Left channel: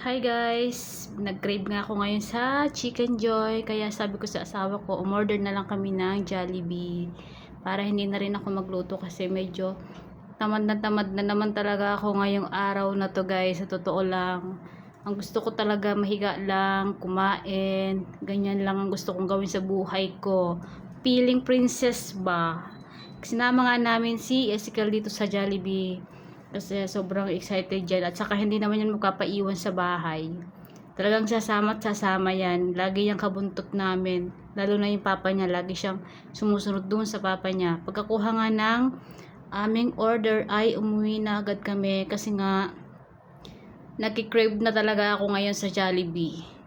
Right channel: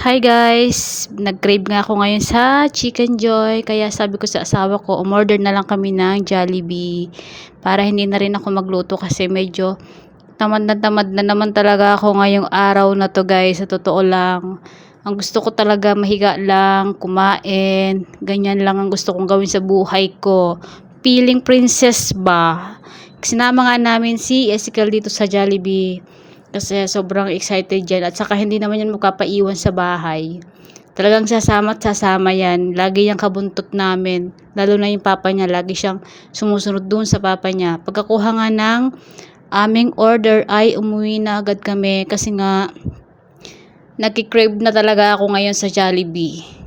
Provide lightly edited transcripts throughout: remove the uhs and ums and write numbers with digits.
Hi guys! Nag-crave nga ako ngayon sa Chicken Joy. Kaya sabi ko sa asawa ko, umorder na lang kami ng Jollibee. Para hindi na rin ako magluto kasi medyo tamad na naman talaga ako ngayong araw na to guys. Sa totoo lang. Ang gusto ko talaga mahiga lang, kumain. Ganyan lang ang gusto kong gawin sa buhay ko. Feeling princess ba? Sinama nga namin si Ezekiel dito sa Jollibee. Kasi sobrang excited dyan. At saka hindi naman yan magpapaiwan sa bahay. Talagang sasama at sasama yan. Lagi yung kabuntot namin. Lalo na yung papa niya. Lagi siyang sumusunod dun sa papa niya. Pagkakuha nga ng aming order ay umuwi na agad kami. Kasi nga nagki-crave na talaga ako ngayon sa Jollibee.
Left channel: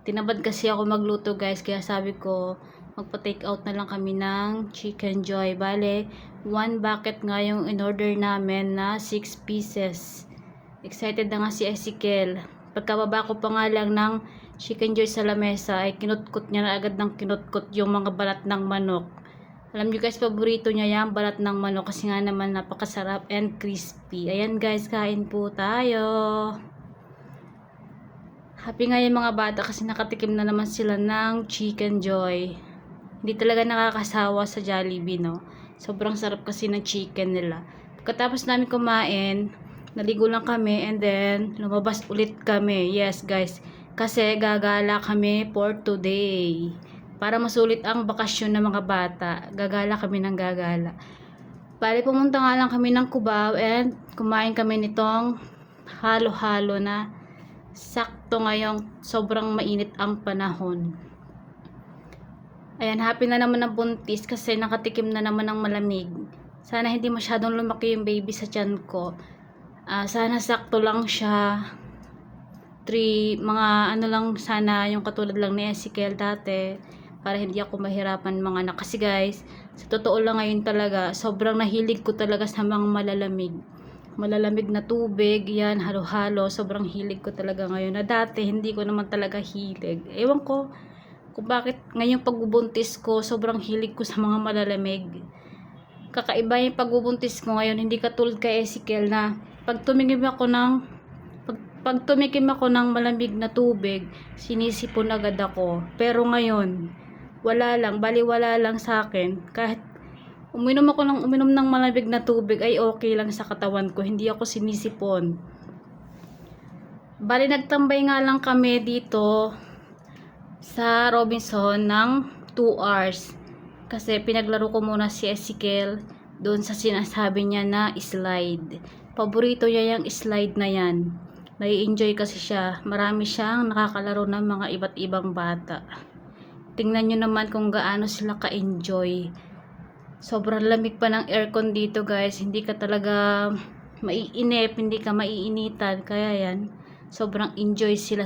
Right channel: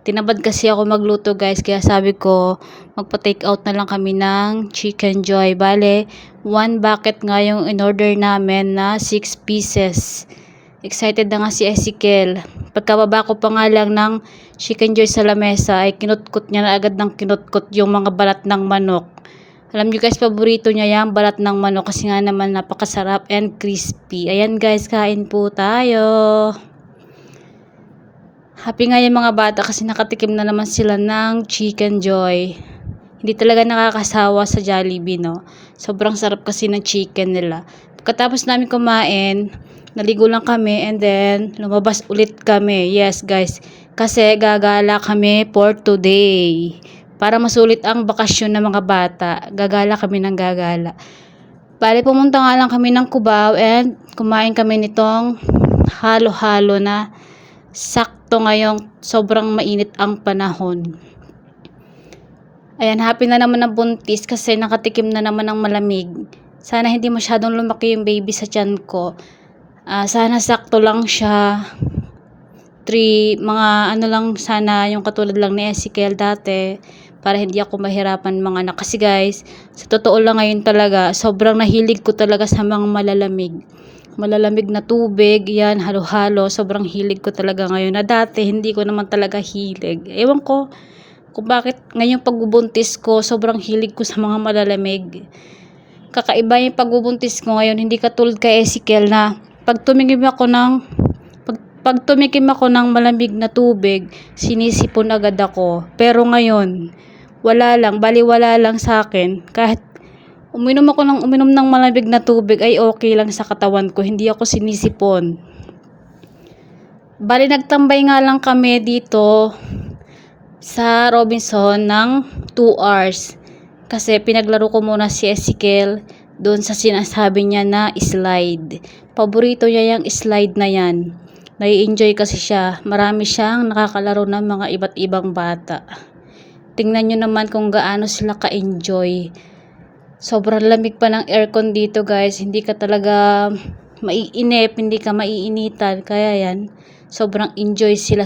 Tinamad kasi ako magluto guys, kaya sabi ko magpa-take out na lang kami ng Chicken Joy. Bale, 1 bucket nga yung in-order namin na 6 pieces. Excited na nga si Ezekiel. Pagkababa ko pa nga lang ng Chicken Joy sa lamesa ay kinutkot niya na agad ng kinutkot yung mga balat ng manok. Alam niyo guys, paborito niya yung balat ng manok kasi nga naman napakasarap and crispy. Ayan guys, kain po tayo. Happy nga yung mga bata kasi nakatikim na naman sila ng Chicken Joy. Hindi talaga nakakasawa sa Jollibee, no? Sobrang sarap kasi ng chicken nila. Pagkatapos namin kumain, naligo lang kami and then lumabas ulit kami. Yes, guys. Kasi gagala kami for today. Para masulit ang bakasyon ng mga bata, gagala kami ng gagala. Bale, pumunta nga lang kami ng Cubao and kumain kami nitong halo-halo na sakto ngayong sobrang mainit ang panahon. Ayan, happy na naman ang buntis kasi nakatikim na naman ng malamig. Sana hindi masyadong lumaki yung baby sa tiyan ko. Sana sakto lang siya. Mga ano lang sana yung katulad lang ni Ezekiel dati. Para hindi ako mahirapan mga anak. Kasi guys, sa totoo lang ngayon talaga, sobrang nahilig ko talaga sa mga malalamig na tubig, yan, halo-halo, sobrang hilig ko talaga ngayon na dati hindi ko naman talaga hilig. Ewan ko kung bakit ngayong pagbubuntis ko, sobrang hilig ko sa mga malalamig. Kakaiba yung pagbubuntis ko ngayon, hindi katulad kay Ezekiel na pag tumikim ako ng malamig na tubig, sinisipon agad ako. Pero ngayon, wala lang sa akin. Kahit uminom ng malamig na tubig ay okay lang sa katawan ko, hindi ako sinisipon. Bali nagtambay nga lang kami dito sa Robinson ng 2 hours. Kasi pinaglaro ko muna si Ezekiel doon sa sinasabi niya na slide. Paborito niya yung slide na yan. Nai-enjoy kasi siya. Marami siyang nakakalaro ng mga iba't ibang bata. Tingnan nyo naman kung gaano sila ka-enjoy. Sobrang lamig pa ng aircon dito guys. Hindi ka talaga maiinip, hindi ka maiinitan. Kaya yan, sobrang enjoy sila